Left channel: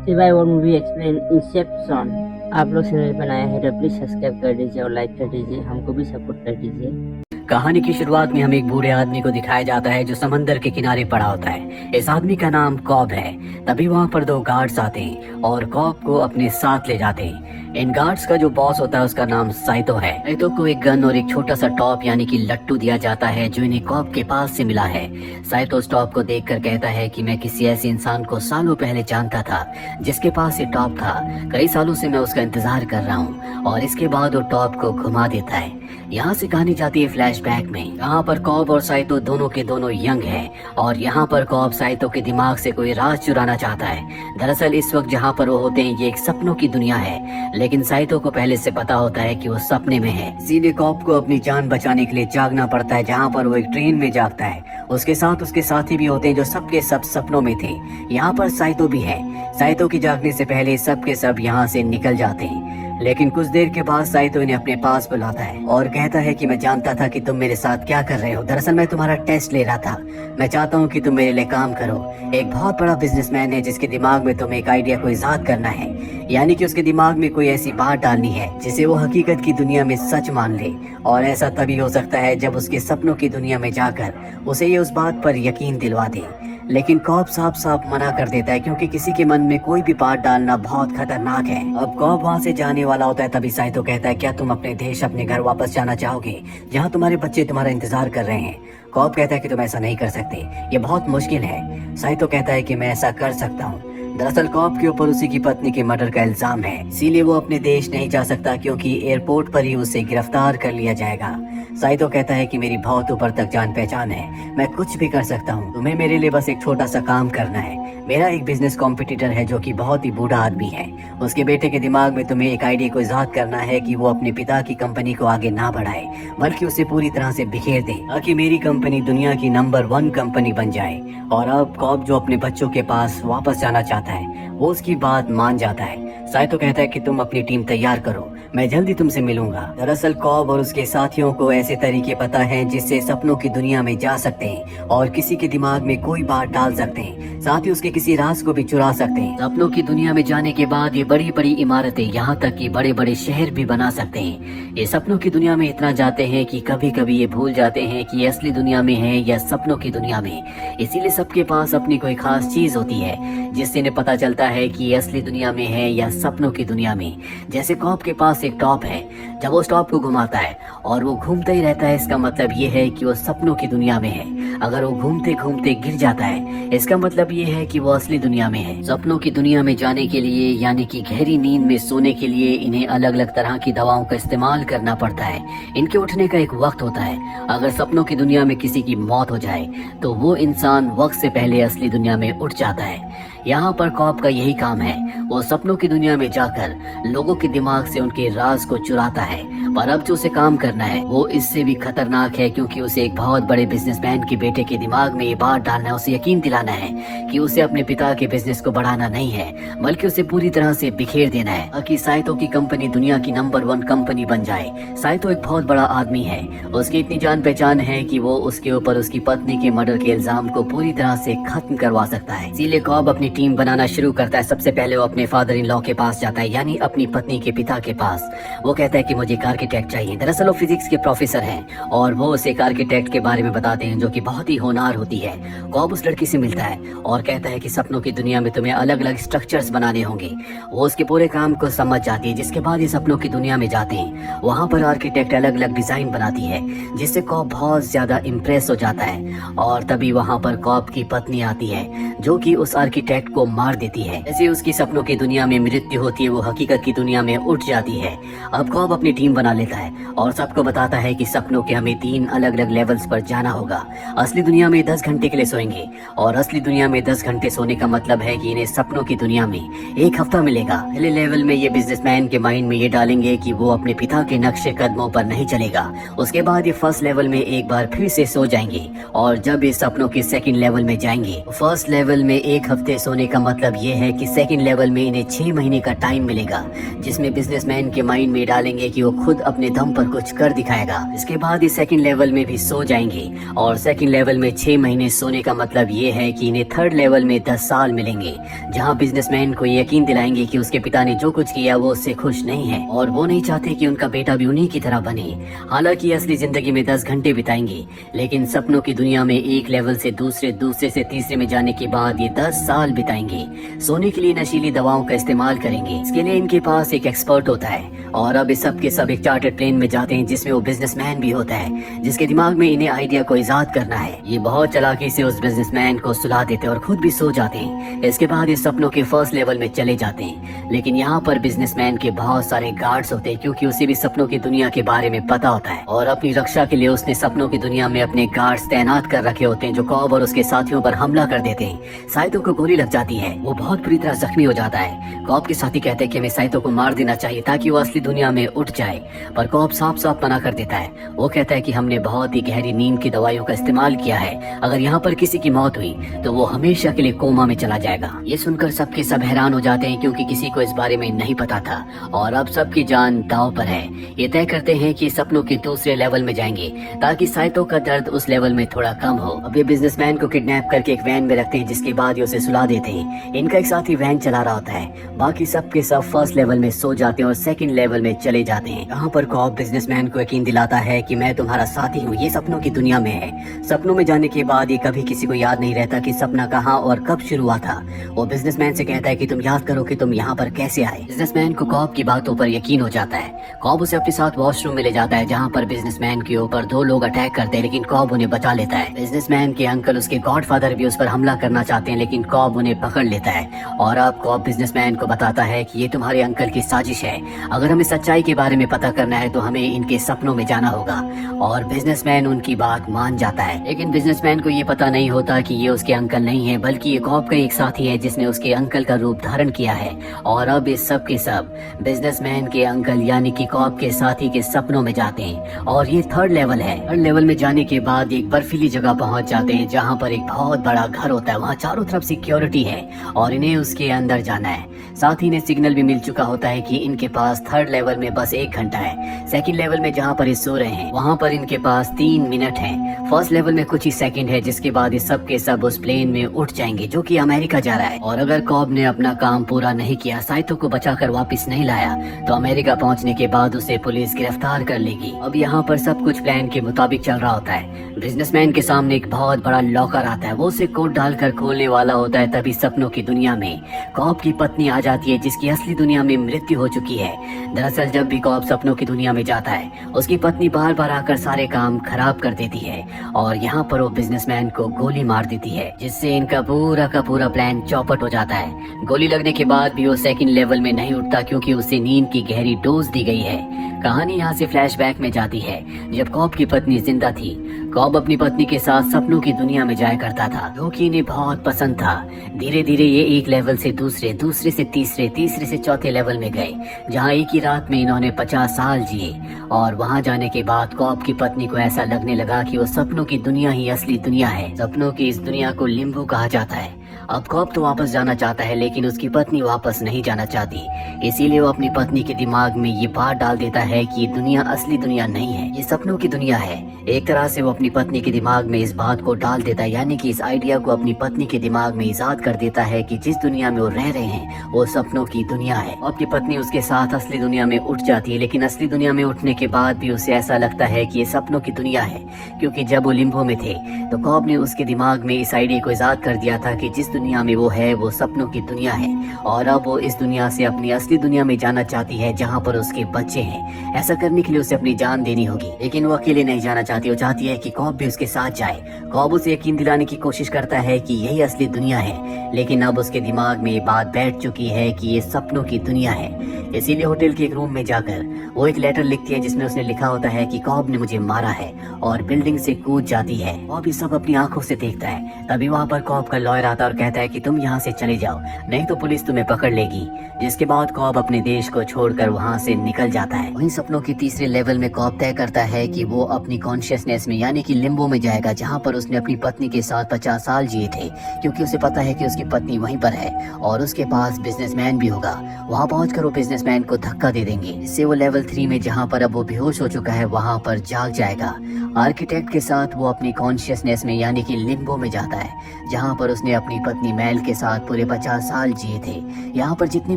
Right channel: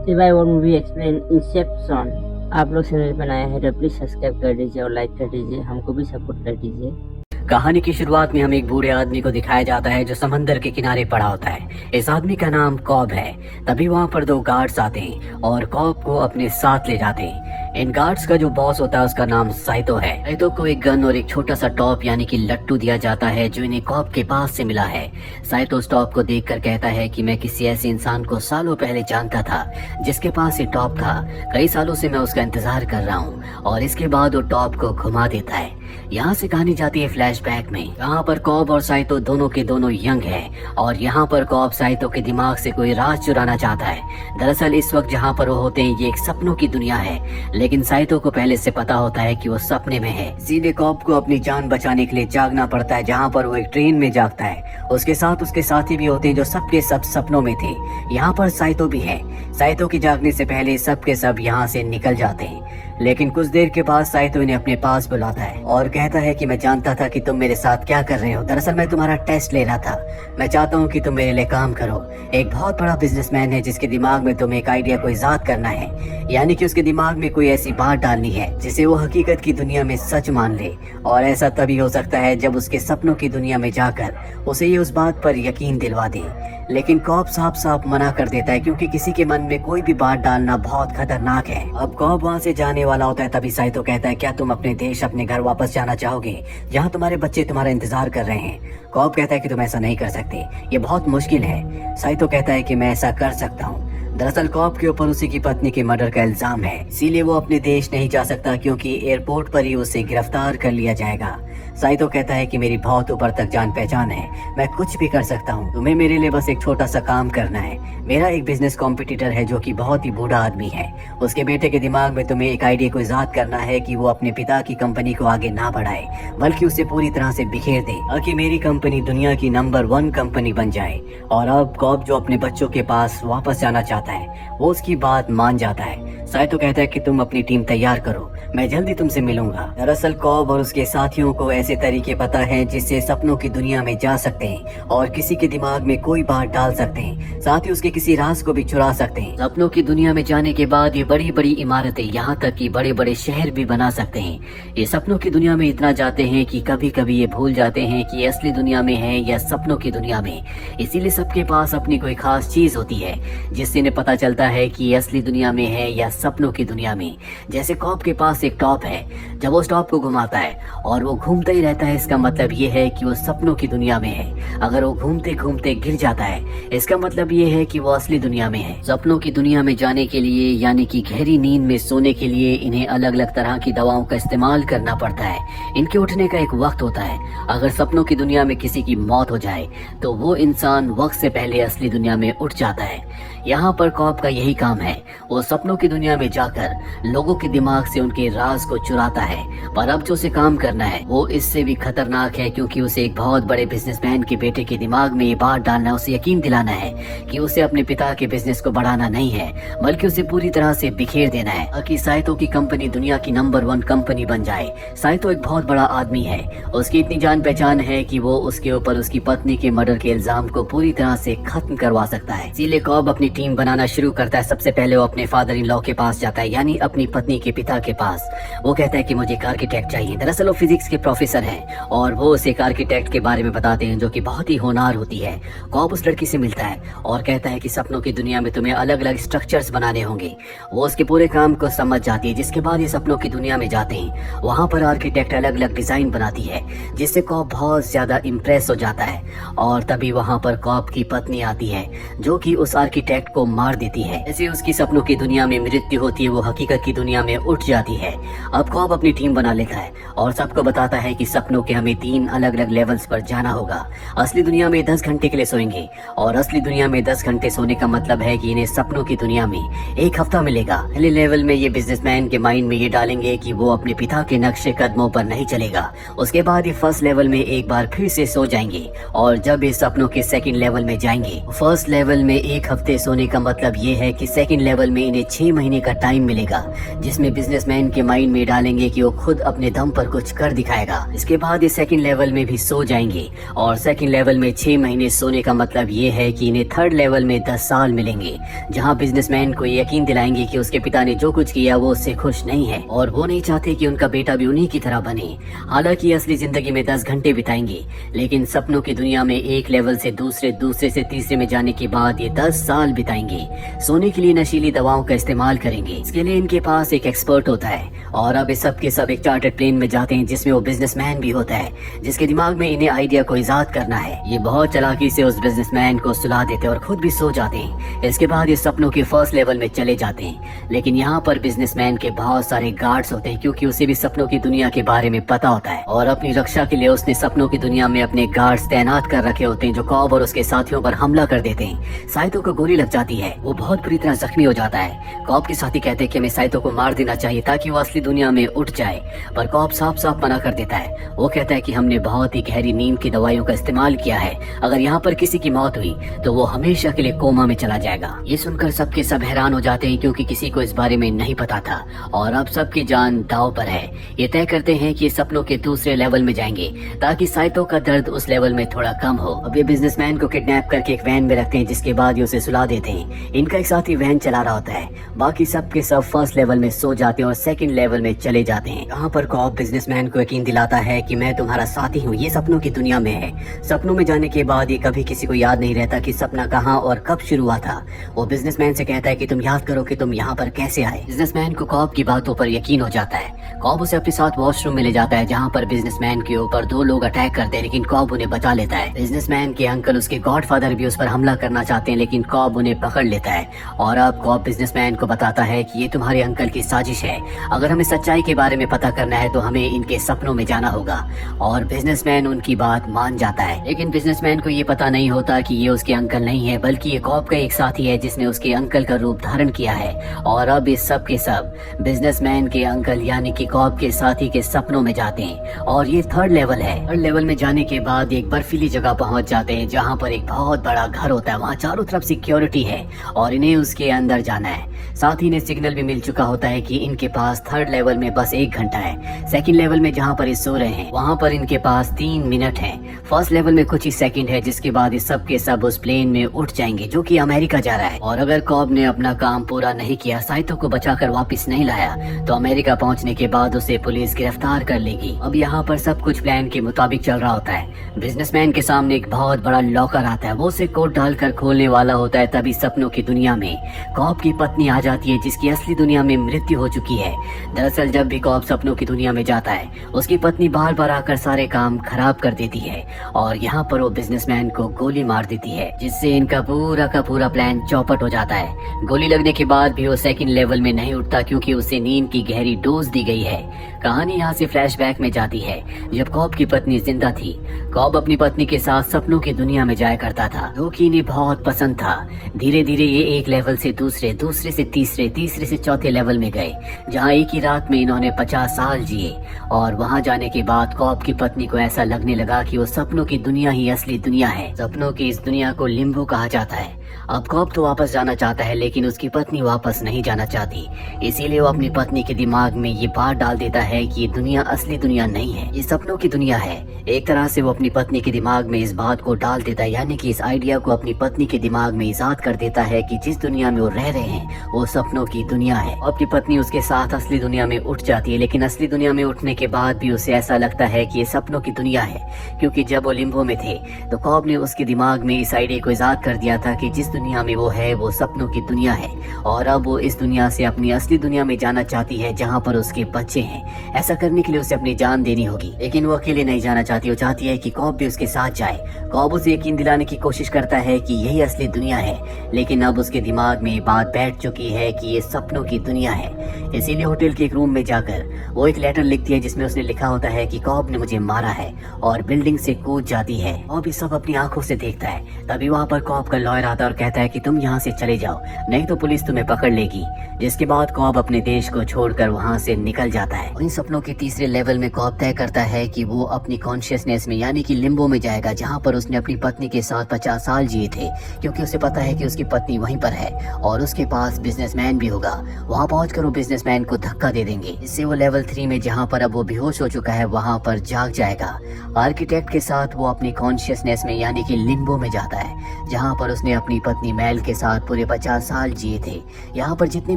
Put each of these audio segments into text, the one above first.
सिवाय और movie explain Inception. आप लोग चैनल पर नया है तो प्लीज सब्सक्राइब कर दीजिए और लाइक कर दीजिए, हमको भी सपोर्ट कर दीजिए। कहानी की शुरुआत में हमें एक बूढ़े आदमी को दिखाया जाता है जो समंदर के किनारे पड़ा होता है। इस आदमी का नाम कॉब है। तभी वहाँ पर दो गार्ड्स आते और कॉब को अपने साथ ले जाते। इन गार्ड्स का जो बॉस होता है उसका नाम साइतो है। साइतो को एक गन और एक छोटा सा टॉप यानी कि लट्टू दिया जाता है जो इन्हें कॉब के पास से मिला है। साइतो उस टॉप को देखकर कहता है कि मैं किसी ऐसे इंसान को सालों पहले जानता था जिसके पास ये टॉप था। कई सालों से मैं उसका इंतजार कर रहा हूँ। और इसके बाद वो टॉप को घुमा देता है। यहाँ से कहानी जाती है फ्लैशबैक में। यहाँ पर कॉब और साइतो दोनों के दोनों यंग है और यहाँ पर कॉब साइतो के दिमाग से कोई राज चुराना चाहता है। दरअसल इस वक्त जहाँ पर वो होते हैं ये एक सपनों की दुनिया है, लेकिन साइतो को पहले से पता होता है कि वो सपने में है। सीधे कॉब को अपनी जान बचाने के लिए जागना पड़ता है, जहाँ पर वो एक ट्रेन में जागता है। उसके साथ उसके साथी भी होते हैं जो सबके सब सपनों में थे। यहाँ पर साइतो भी है। साइतो के जागने से पहले सबके सब यहाँ से निकल जाते हैं, लेकिन कुछ देर के बाद साइतो इन्हें अपने पास बुलाता है और कहता है कि मैं जानता था कि तुम मेरे साथ क्या कर रहे हो। दरअसल मैं तुम्हारा टेस्ट ले रहा था। मैं चाहता हूँ कि तुम मेरे लिए काम करो। एक बहुत बड़ा बिजनेसमैन है जिसके दिमाग में तुम्हें एक आइडिया को इजाद करना है, यानी कि उसके दिमाग में कोई ऐसी बात डालनी है जिसे वो हकीकत की दुनिया में सच मान ले। और ऐसा तभी हो सकता है जब उसके सपनों की दुनिया में जाकर उसे ये उस बात पर यकीन दिलवा दे। लेकिन कॉब साफ साफ मना कर देता है क्योंकि किसी के मन में कोई भी बात डालना बहुत खतरनाक है। अब कॉब वहाँ से जाने वाला होता है, तभी साइतो कहता है क्या तुम अपने देश अपने घर वापस जाना चाहोगे जहाँ तुम्हारे बच्चे तुम्हारा इंतजार कर रहे हैं। कॉब कहता है कि तुम ऐसा नहीं कर सकते, ये बहुत मुश्किल है। साइतो कहता है कि मैं ऐसा कर सकता हूँ। दरअसल कॉब के ऊपर उसी की पत्नी के मर्डर का इल्जाम है, इसीलिए वो अपने देश नहीं जा सकता क्योंकि एयरपोर्ट पर ही उसे गिरफ्तार कर लिया जाएगा। साइतो कहता है कि मेरी बहुत ऊपर तक जान पहचान है, मैं कुछ भी कर सकता हूँ। तुम्हें मेरे लिए बस एक छोटा सा काम करना है। मेरा एक बिजनेस कॉम्पिटिटर है जो कि बहुत ही बूढ़ा आदमी है। उसके बेटे के दिमाग में तुम्हें एक आइडिया को इजाद करना है कि वो अपने पिता की कंपनी को आगे ना बढ़ाए बल्कि उसे पूरी तरह से बिखेर दे ताकि मेरी कंपनी दुनिया की नंबर 1 कंपनी बन जाए। और अब कॉब जो अपने बच्चों के पास वापस जाना चाहता है वो उसकी बात मान जाता है। साइतो कहता है कि तुम अपनी टीम तैयार करो, मैं जल्दी तुमसे मिलूंगा। दरअसल कॉब और उसके साथियों को ऐसे तरीके पता है जिससे सपनों की दुनिया में जा सकते हैं और किसी के दिमाग में कोई बात डाल सकते हैं, साथ ही उसके किसी राज को भी चुरा सकते हैं। सपनों की दुनिया में जाने के बाद ये बड़ी बड़ी इमारतें, यहाँ तक कि बड़े बड़े शहर भी बना सकते हैं। ये सपनों की दुनिया में इतना जाते हैं कि कभी कभी ये भूल जाते हैं कि ये असली दुनिया में है या सपनों की दुनिया में। इसीलिए सबके पास अपनी कोई खास चीज होती है जिससे इन्हें पता चलता है कि ये असली दुनिया में है या सपनों की दुनिया में। जैसे कॉब के पास एक टॉप है, जब वो उस टॉप को घुमाता है और वो घूमता ही रहता है, इसका मतलब ये है कि वो सपनों की दुनिया में है। अगर वो घूमते घूमते गिर जाता है, इसका मतलब ये है कि वो असली दुनिया में है। सपनों की दुनिया में जाने के लिए यानी कि गहरी नींद में सोने के लिए इन्हें अलग अलग तरह की दवाओं का इस्तेमाल करना पड़ता है। इनके उठने का एक वक्त होता है। अगर सपनों की दुनिया में किसी की मौत हो जाए तो वो इंसान वक्त से पहले असली दुनिया में उठ जाता है। यहाँ पर कॉब का यही काम है, वो सपनों की दुनिया में जाकर लोगों के दिमाग से उनके राज को चुराता है। पर अब जो उसे काम करना है वो इससे भी खतरनाक है क्योंकि उसे एक बहुत बड़े बिजनेसमैन के बेटे के दिमाग में ये बात डालना है, उसे यकीन दिलाना है कि उसे अपने पिता के बिजनेस को बढ़ाना नहीं है बल्कि उसे पूरी तरह से बिखेर देना है ताकि साइतो की कंपनी दुनिया की नंबर 1 कंपनी बन जाए। साइतो एक बहुत बड़ा आदमी है, उसकी इतनी जान पहचान है कि वो उसके ऊपर उसकी पत्नी के मर्डर के इल्जाम को पूरी तरह से खत्म करवा सकता है। इसीलिए कॉब अपनी टीम बनाना शुरू करता है। सबसे पहले वो अपने फादर इन लॉ के पास जाता है, यानी अपनी पत्नी के पिता के पास। वो कहता है कि मुझे एक आर्किटेक्ट चाहिए। दरअसल वो फिजिक्स के प्रोफेसर हैं और वो उसे एक आर्किटेक्ट के बारे में बताते हैं जो कि बहुत ही होनहार होती है। कॉब उस लड़की से मिलता है और कहता है कि सपनों की दुनिया में तुम्हें अलग अलग स्ट्रक्चर्स बनाने होंगे। वो उसके पूरे काम को समझ जाती है, जिसके बाद ये सपनों की दुनिया में जाते हैं। वहाँ पर आर्किटेक्ट अलग अलग डिजाइन बनाती है जिससे कॉब बहुत ज्यादा इम्प्रेस हो जाता है। और तभी वहाँ पर कॉब की पत्नी आती है जो कि उस आर्किटेक्ट को मार देती है। जैसे उसकी सपनों की दुनिया में मृत्यु होती है वो हकीकत की दुनिया में उठ जाती है। अब कॉब अपनी टीम बना लेता है और सबको बताता है कि सपनों के हमें 3 अलग अलग लेवल्स पर जाना होगा। असली दुनिया में 10 घंटे के लिए सोएंगे और असली दुनिया में 10 घंटे सोने का मतलब है कि इन्हें सपनों की दुनिया में 1 हफ्ता मिलेगा। पहले लेवल में ये बिजनेसमैन के माइंड में ये डालेंगे कि वो अपने पिता के नक्शे कदमों पर नहीं चलेगा। उसके बाद ये फर्स्ट लेवल में एक बार फिर से सो जाएंगे और जब ये सपनों के सेकंड लेवल में जाएंगे, फर्स्ट लेवल में 1 हफ्ते सोने का मतलब ये है कि सेकंड लेवल में इन्हें 6 महीने का टाइम मिलेगा, जिसमें बिजनेसमैन के माइंड में डालेंगे कि वो खुद अपने दम पर कुछ कर दिखाएगा। इसके बाद ये सेकंड लेवल में भी सो जाएंगे, और सेकंड लेवल में 6 महीने सोने का मतलब ये है कि इन्हें थर्ड लेवल में 10 साल मिलेंगे, जहाँ बिजनेसमैन को यकीन दिलाएंगे कि उसके पिता ने जो कुछ किया वो उससे खुश नहीं है और वो नहीं चाहते कि उनका बेटा भी उन्हीं की तरह बने। हालांकि असली जिंदगी में 10 घंटे बिताएंगे, लेकिन सपनों की दुनिया में एक लेवल से दूसरे, दूसरे से तीसरे में जाने के बाद ये 10 साल बिताएंगे। सोने के लिए नशीली दवाओं का इस्तेमाल करेंगे। इसके लिए इनके पास एक एक्सपर्ट होता है, और अब ये सब के सब एक चार्टर्ड प्लेन में जाते हैं जिसमें वो बिजनेसमैन भी होता है, जिसके दिमाग में इन्हें आइडिया को इजाद करना है। ये बहुत चालाकी से उस बिजनेसमैन को सुला देते हैं और खुद भी सो जाते हैं। इसके बाद ये सपनों के फर्स्ट लेवल में चले जाते हैं, लेकिन यहाँ पर बिजनेसमैन के बहुत सारे गार्ड्स होते हैं, क्योंकि उसे भी सपनों की दुनिया के बारे में पता होता है, और अपनी रक्षा के लिए उसने सपनों की दुनिया में अपने गार्ड्स तैनात कर रखे होते हैं, जो कॉब और उसके साथियों पर हमला कर देते हैं। साइतो को गोली लग जाती है, वो बहुत बुरी तरह जख्मी हो जाता है। कॉब के साथी कहते हैं कि हमें साइतो को मार देना चाहिए ताकि वो असली दुनिया में उठ जाए, पर कॉब साफ साफ मना कर देता है। वो कहता है कि हमने बहुत ही गहरी नींद की दवाइयों का इस्तेमाल किया है, अगर यहाँ पर किसी की मौत हुई तो वो हमेशा के लिए कोमा में चला जाएगा। ये सुनकर सबके सब हैरान हो जाते हैं, क्योंकि किसी को इस बारे में नहीं पता था, और अब सबकी जान दांव पर है। ये तय करते हैं कि सपनों के दूसरे लेवल में जाएंगे ताकि साइतो का दर्द उस लेवल में थोड़ा कम हो। अब ये बिजनेसमैन को किडनैप करके एक वैन में रखते हैं, जिसके बाद ये उसे सुला देते हैं। इनका एक साथी वैन चला रहा होता है, बाकी सबके सब फर्स्ट लेवल में सो जाते हैं और सेकंड लेवल में चले जाते हैं। यहाँ पर कॉब बिजनेसमैन को यकीन दिलाता है कि मैं तुम्हारा साथी हूँ, ये सपनों की दुनिया में है। सपनों में जाने के बाद ये कभी किसी को याद नहीं रहता कि सपना कहाँ और कब शुरू हुआ था। वो बिजनेसमैन से कहता है कि तुम याद करो कि तुम यहाँ पर कैसे आए। बिजनेसमैन को कॉब की बातों पर यकीन हो जाता है। कॉब उसे अपने साथ वॉशरूम में ले जाता है, जहाँ पर बिजनेसमैन के ऊपर 2 लोग अटैक करते हैं, लेकिन कॉब उन्हें बचा लेता है। बिजनेसमैन के अंकल, उसके गॉडफादर भी उस पर हमला करना चाहते हैं, लेकिन कॉब उन्हें पकड़ लेता है, और अब कॉब बिजनेसमैन को बताता है कि ये तुम्हारे अंकल की साजिश है। अगर हमें सच्चाई के बारे में पता करना है तो हमें इनके सपनों में जाना होगा, और बिजनेसमैन उनकी बात मान जाता है। लेकिन बिजनेसमैन को ये पता नहीं होता कि ये उसके अंकल नहीं है, बल्कि ये कॉब का एक साथी है जिसने उसके अंकल का रूप धारण किया है। और अब इस सब के सब बिजनेसमैन के अंकल यानी कि कॉब के साथी के सपनों में जाते हैं, और ये थर्ड लेवल है। थर्ड लेवल में जाने के बाद एक बर्फीली जगह पहुंच जाते हैं, जहां पर एक बहुत बड़ा घर होता है। वहां चारों तरफ सिक्योरिटी है और इन्हें उसके अंदर जाना है। साथ ही इन्हें सिग्नल भी मिल चुका होता है कि इनके पास थर्ड लेवल में बस 1 घंटा है। सेकंड लेवल में जहां पर ये सो रहे हैं वहां पर इनके पास 3 मिनट है। फर्स्ट लेवल में कुछ ही सेकंड है, जिसके बाद ये सब के सब उस प्लेन में उठ जाएंगे जो कि अमेरिका जा रहा है। और अगर कॉब ने अपना काम पूरा नहीं किया, साइतो को बचाकर वापस नहीं लाया, तो अमेरिका पहुंचने के बाद उसे पुलिस गिरफ्तार कर लेगी। अब यहाँ पर सब कुछ प्लान के मुताबिक चल रहा होता है। बिजनेसमैन के सामने एक बहुत बड़ा लॉकर आता है, वो उसे कोड डालकर खोलने वाला होता है। तभी सपनों की दुनिया में कॉब की पत्नी आ जाती है, जिसकी असली दुनिया में मृत्यु हो चुकी है। दरअसल जब भी कॉब सपनों की दुनिया में जाता है, उसकी पत्नी बार बार आकर सारे काम खराब कर देती है, और यहाँ पर वो बिजनेसमैन को गोली मार देती है, जिससे इनका पूरा का पूरा प्लान चौपट हो जाता है। गोली लगने के बाद भी वो सेकंड लेवल में नहीं उठता, क्योंकि उसे नींद की गहरी डोज दी गई है। कहानी यहाँ से फ्लैशबैक में जाती है, जब कॉब की पत्नी जिंदा थी। कॉब अपनी पत्नी के साथ सपनों की दुनिया में जाया करता था, जो कि इन्हें बहुत पसंद था। धीरे धीरे ये एक लेवल से दूसरे, दूसरे से तीसरे, तीसरे से चौथे लेवल में गए, जहाँ एक ही रात में इन्होंने 50 साल जिए। और वहाँ जाने के बाद कॉब की पत्नी को ऐसा लगने लगा कि वो सपनों की दुनिया ही असली दुनिया है। सपनों की इस दुनिया को लिम्बो कहा जाता है। अब कॉब तो वापस जाना चाहता है, लेकिन उसकी पत्नी वापस नहीं जाना चाहती। इसीलिए वो अपनी पत्नी के दिमाग में ये बात डाल देता है कि ये दुनिया असली दुनिया नहीं है, ये सपनों की दुनिया है। एक तरह से वो अपनी पत्नी के दिमाग में इस बात को डाल देता है, यानी कि इस आइडिया को अपनी पत्नी के दिमाग में इजाद कर देता है कि जिस दुनिया में वो रह रहे हैं वो सपनों की दुनिया है। आपकी पत्नी उसके साथ असली दुनिया में उठ जाती है, लेकिन असली दुनिया में उठने के बाद भी उसे ऐसा लगता है कि ये सपनों की दुनिया है, क्योंकि जब वो लिम्बो में थे तो कॉब ने उसके दिमाग में इस आइडिया को इजाद कर दिया था कि जिस दुनिया में वो है वो सपनों की दुनिया है, और अब वो इस दुनिया से अपनी असली दुनिया में जाना चाहती है, जहाँ पर उसके बच्चे हैं। ऐसा करने के लिए उसे अपनी जान देनी होगी, लेकिन वो अकेले नहीं जाना चाहती। वो चाहती है कि कॉब भी उसके साथ जाए। कॉब उसे यकीन दिलाने की कोशिश करता है कि यही असली दुनिया है, लेकिन अब उसके दिमाग में ये बात बैठ चुकी है कि ये सपनों की दुनिया है। इसीलिए होटल के एक रूम में जाकर वो एक लेटर लिखती है, जिसमें उसने लिखा होता है कि कॉब ने मुझे मारा है, और बिल्डिंग से कूद जाती है। और भी सब अपनी आंखों से देखता है। तभी वहाँ पर कॉब का लॉयर आता है और कहता कहता है कि तुम यहाँ से चले जाओ, नहीं तो पुलिस तुम्हें पकड़ लेगी। जिसके बाद कॉब अपने देश को छोड़कर वहाँ से निकल जाता है। वहीं सपनों की तीसरे लेवल में कॉब तय करता है कि वो अपनी कॉन्शियसनेस में यानी कि लिम्बो में जाएगा, जहाँ पर उसने अपनी पत्नी के साथ 50 साल जिए थे, क्योंकि उसे पता है कि उसकी पत्नी वहीं पर है और उसके पास बिजनेसमैन भी होगा। वहाँ पहुंचकर वो बिजनेसमैन को धक्का दे देंगे, जिससे वो लेवल 3 में, जहाँ पर अब वो बेहोश हो चुका है, वहाँ पर जाग जाएगा। आर्किटेक्ट के साथ वो अपनी कॉन्शियसनेस में यानी कि लिम्बो में जाता है, जहाँ पर उसने अपनी पत्नी मैल के साथ पूरे 50 साल जिए थे। यहाँ पर जितनी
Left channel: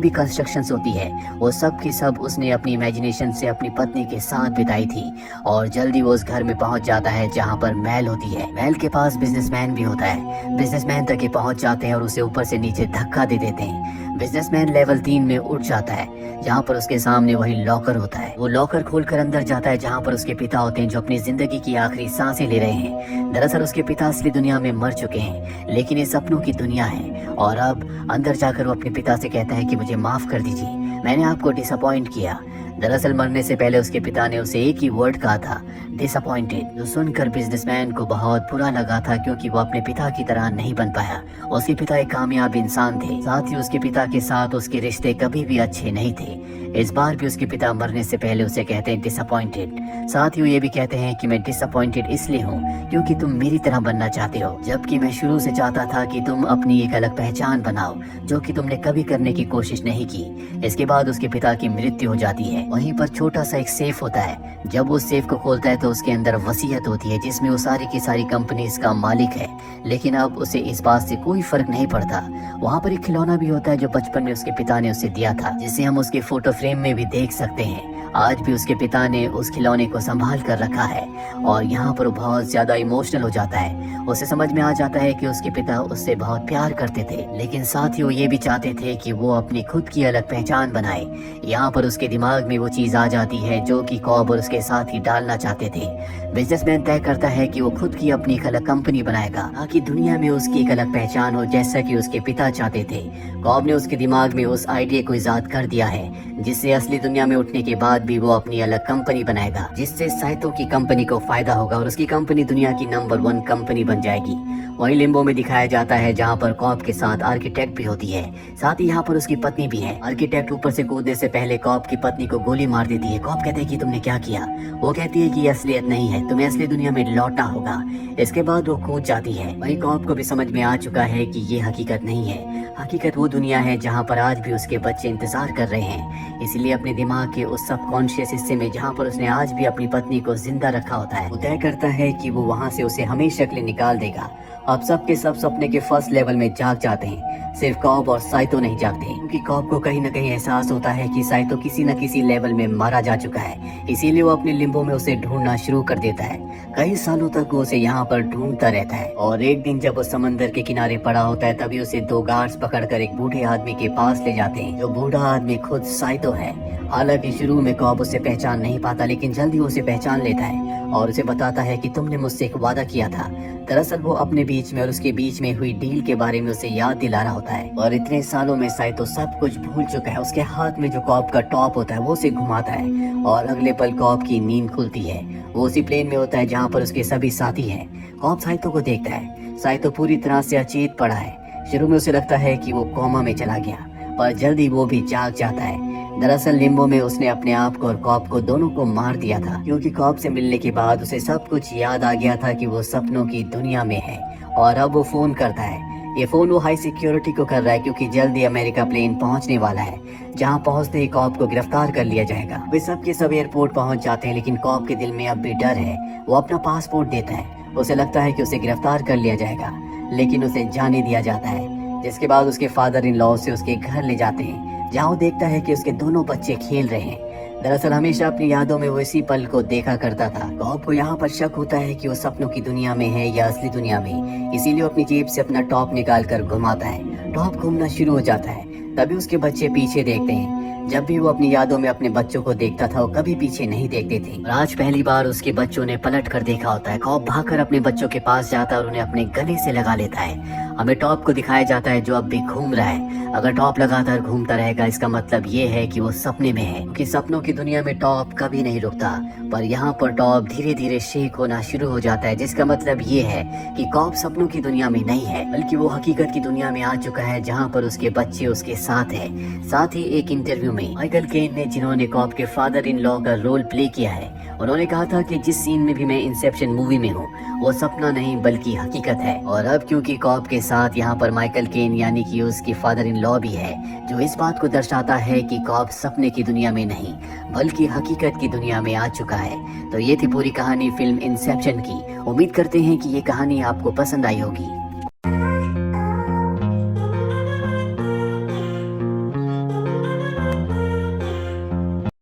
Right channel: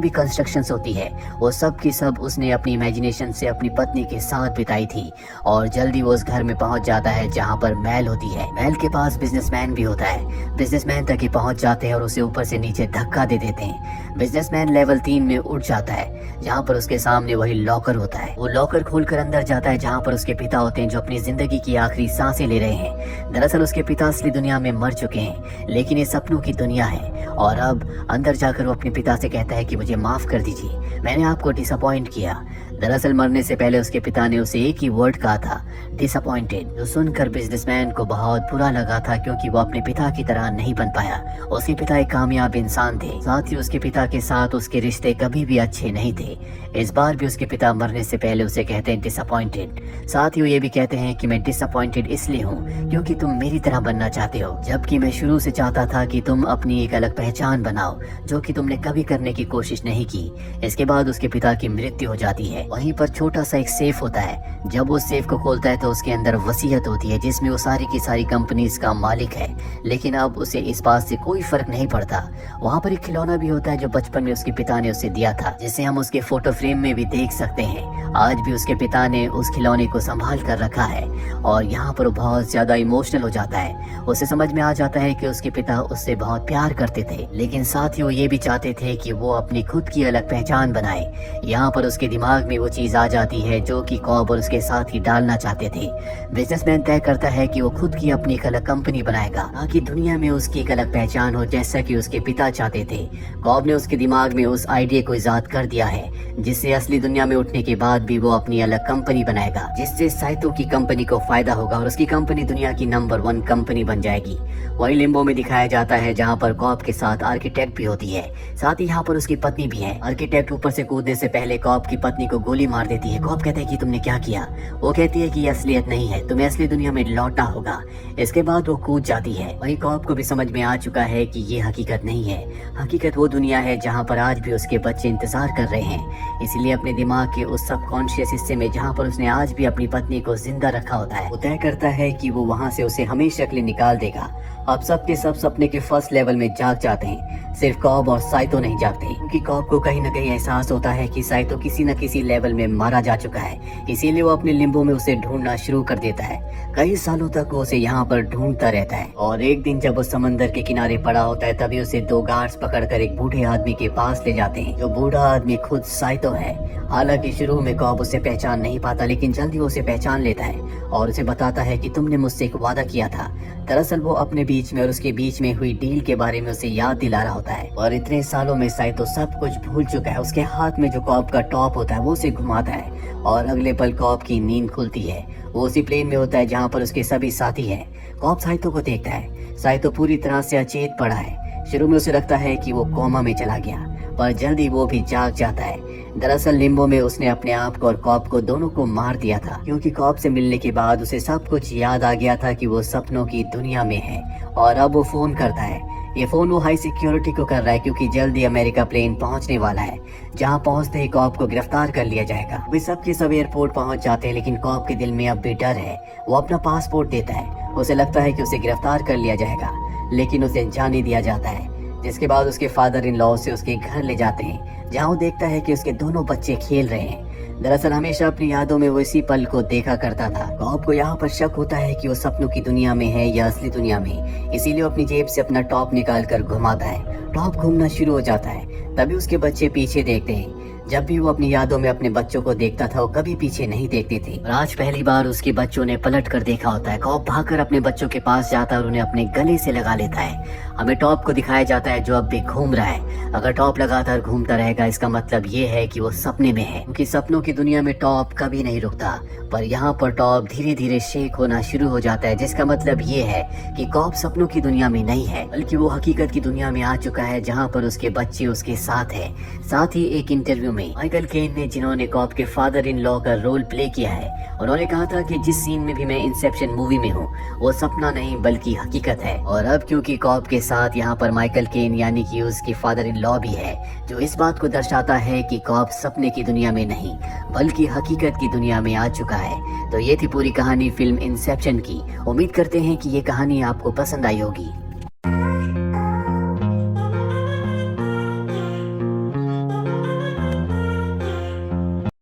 भी कंस्ट्रक्शंस होती है वो सब की सब उसने अपनी इमेजिनेशन से अपनी पत्नी के साथ बिताई थी। और जल्दी वो उस घर में पहुंच जाता है जहाँ पर मैल होती है। मैल के पास बिजनेसमैन भी होता है। बिजनेसमैन तक ये पहुंच जाते हैं और उसे ऊपर से नीचे धक्का दे देते हैं। बिजनेसमैन लेवल 3 में उठ जाता है, जहाँ पर उसके सामने वही लॉकर होता है। वो लॉकर खोलकर अंदर जाता है, जहाँ पर उसके पिता होते हैं, जो अपनी जिंदगी की आखिरी सांसें ले रहे हैं। दरअसल उसके पिता असली दुनिया में मर चुके हैं, लेकिन ये सपनों की दुनिया है। और अब अंदर जाकर वो अपने पिता से कहता है कि मुझे माफ कर दीजिए, मैंने आपको डिसअपॉइंट किया। दरअसल मरने से पहले उसके पिता ने उसे एक ही वर्ड कहा था, डिसअपॉइंटेड, जो सुनकर बिजनेसमैन को बहुत बुरा लगा था, क्योंकि वो अपने पिता की तरह नहीं बन पाया। उसके पिता एक कामयाब इंसान थे, साथ ही उसके पिता के साथ उसके रिश्ते कभी भी अच्छे नहीं थे। इस बार भी उसके पिता मरने से पहले उसे कहते हैं डिसअपॉइंटेड। साथ ही वो ये भी कहते हैं कि मैं डिसअपॉइंटेड इसलिए हूँ क्योंकि तुम मेरी तरह बनना चाहते हो, जबकि मैं शुरू से चाहता था कि तुम अपनी एक अलग पहचान बनाओ, जो कि तुमने कभी करने की कोशिश नहीं की। इसके बाद उसके पिता की मृत्यु हो जाती है। वहीं पर छोटा सा एक सेफ होता है। जब वो सेफ को खोलता है तो उसके अंदर वसीयत होती है, जिसमें वो सारी की सारी कंपनीज का मालिक है। लेकिन अब उसे इस बात से कोई फर्क नहीं पड़ता। वहाँ पर एक खिलौना भी होता है जो बचपन में उसके पिता ने उसे दिया था, जिसे हम उसके फोटो फ्रेम में भी देख सकते हैं। आज भी उसके पिता ने उस खिलौने को संभाल कर रखा है और यहाँ पर वो बहुत ज्यादा इमोशनल हो जाता है। उसे समझ में आ जाता है कि उसके पिता उससे बहुत प्यार करते थे, लेकिन साथ ही वो ये भी चाहते थे कि वो अपनी खुद की अलग पहचान बनाए। यहाँ पर उसके दिमाग में वो चीज आ जाती है जो कि कॉब और उसके साथ ही डालना चाहते थे। बिजनेसमैन तय करता है कि वो खुद की अपनी एक अलग कंपनी बनाएगा, ताकि दुनिया में उसकी एक अलग पहचान हो, जैसा कि उसके पिता चाहते थे। कॉब ने उसके दिमाग में उस आइडिया को इजाद कर दिया है, जिससे असली दुनिया में उठने के बाद भी वो अपनी अलग कंपनी बनाएगा, जिससे साइतो की कंपनी को फायदा होगा और उसकी कंपनी दुनिया की नंबर 1 कंपनी बन जाएगी। वही लिम्बो में दिखाया जाता है, जहाँ पर कॉब के साथ आर्किटेक्ट भी होती है, साथ ही यहाँ पर उसकी पत्नी भी है। आर्किटेक्ट ऊपर से कूदने से पहले कॉब की पत्नी को गोली मार देती है। कॉब कहता है कि तुमने क्या किया? वो कहती है कि ये असलियत नहीं है, तुम्हें असली दुनिया में लौटना होगा। इसके बाद वो कूद जाती है। वही कॉब को भी समझ में आ चुका है कि ये हकीकत नहीं है। हकीकत वो दुनिया है जहाँ पर आज भी उसके बच्चे इंतजार कर रहे हैं। इसीलिए अपने दिमाग के उस सबकॉन्शियस हिस्से में, जहाँ पर उसने आज भी अपनी पत्नी को जिंदा रखा होता है, वो तय करता है कि वो वहाँ से उसे हमेशा के लिए निकाल देगा। अब सबके सब सपने के फर्स्ट लेवल में जाग जाते हैं, सिर्फ कॉब और साइतो नहीं जागते, क्योंकि कॉब को कहीं न कहीं एहसास होता है कि साइतो किसी न किसी लेवल में मारा जा चुका है। इसीलिए वो अपने लिम्बो में उसे ढूंढना शुरू कर देता है। कई सालों तक वो उसे यहाँ पर ढूंढता रहता है और एक दिन जब वो समंदर के किनारे पड़ा होता है, तभी उसे 2 गार्ड्स पकड़कर एक बूढ़े आदमी के पास ले जाते हैं, जो बूढ़ा आदमी खुद साइतो है। हालांकि शुरू में कॉब उसे पहचान नहीं पाता, लेकिन जल्दी वो उसे पहचान लेता है और उसे बताता है कि तुमने मुझसे एक वादा किया था। दरअसल वो अपने बीच में और उसके बीच में हुई डील के बारे में उसे याद दिला रहा होता है। और इतने सालों में साइतो सब कुछ भूल चुका है। उसके हाथ में जो कॉब का टॉप होता है वो उसे घुमाता है और अगले पल कॉब की नींद खुलती है। वो उसी प्लेन में होता है जहाँ पर उसके सभी साथी हैं। कॉब साइतो को देखता है। साइतो पूरी तरह से अचेत पड़ा है। शुरू में उसे लगता है कि वो कोमा में चला गया, पर जल्दी वो भी जाग जाता है। दरअसल लिम्बो में उसने अपने आप को और कॉब को दोनों को मार दिया था, क्योंकि कॉब से मिलने के बाद उसे सब कुछ याद आ गया था कि वो सपनों की दुनिया में है। और अब वो फोन करता है। ये फोन वो हाई सिक्योरिटी को कर रहा है, क्योंकि जल्दी अमेरिका प्लेन पहुंचने वाला है, जहां पहुंचते ही कॉब को गिरफ्तार कर लिया जाएगा। वे सब के सब एयरपोर्ट पहुंच जाते हैं, लेकिन कॉब के दिल में अब भी डर है। वो अपना पासपोर्ट देता है। उसे लगता है कि उसे गिरफ्तार कर लिया जाएगा, लेकिन उसे जाने दिया जाता है। जिसके बाद उसके फादर इन लॉ से उसके घर ले जाते हैं, जहाँ वो देखता है कि उसके दोनों बच्चे खेल रहे हैं। दरअसल हमेशा अपनी यादों में वो इसी पल को देखा करता था। कॉब को यहाँ पर शक होता है कि वो सपनों की दुनिया में है या असली दुनिया में, इसीलिए वो अपनी जेब से अपना टॉप निकाल कर घुमाता है। टॉप घूमना शुरू हो जाता है। तभी उसके बच्चे पीछे देखते हैं। जब भी वो अपनी यादों में अपने बच्चों को देखता था वो कभी पीछे नहीं देखते थे। और आज पहली बार उसके बच्चों ने पलट कर देखा होता है। कॉप भागकर अपने बच्चों के पास जाता है और उन्हें अपने गले से लगा लेता है। हमें टॉप को दिखाया जाता है जो अब भी घूम रहा है। अगर टॉप लगातार घूमता रहेगा इसका मतलब ये है कि वो सपने में है, क्योंकि सपनों की दुनिया में टॉप कभी नहीं रुकता। पर यहाँ पर टॉप धीरे धीरे शेक होना शुरू हो जाता है, जिसका मतलब ये है कि कॉप सपनों की दुनिया में नहीं है, बल्कि वो हकीकत की दुनिया में आ चुका है, जहाँ पर उसके बच्चे उसके साथ है। साथ ही एक इंटरव्यू में माइकल केन ने, जिन्होंने कॉप के फादर इन लॉ का रोल प्ले किया है, उन्होंने कहा था कि जिस सीन में भी मैं इंसेप्शन मूवी में हूँ वो सपना नहीं बल्कि हकीकत है। और अब क्योंकि कॉप के साथ यहाँ पर माइकल केन यानी कि उसकी फादर इन लॉ भी है, जो इस बात को दर्शाता है कि कॉप सपने की दुनिया में नहीं बल्कि हकीकत की दुनिया में आ चुका है। तो ये थी पूरी कहानी फिल्म इंसेप्शन की। उम्मीद करते हैं कि ये कहानी आपको पसंद आई होगी।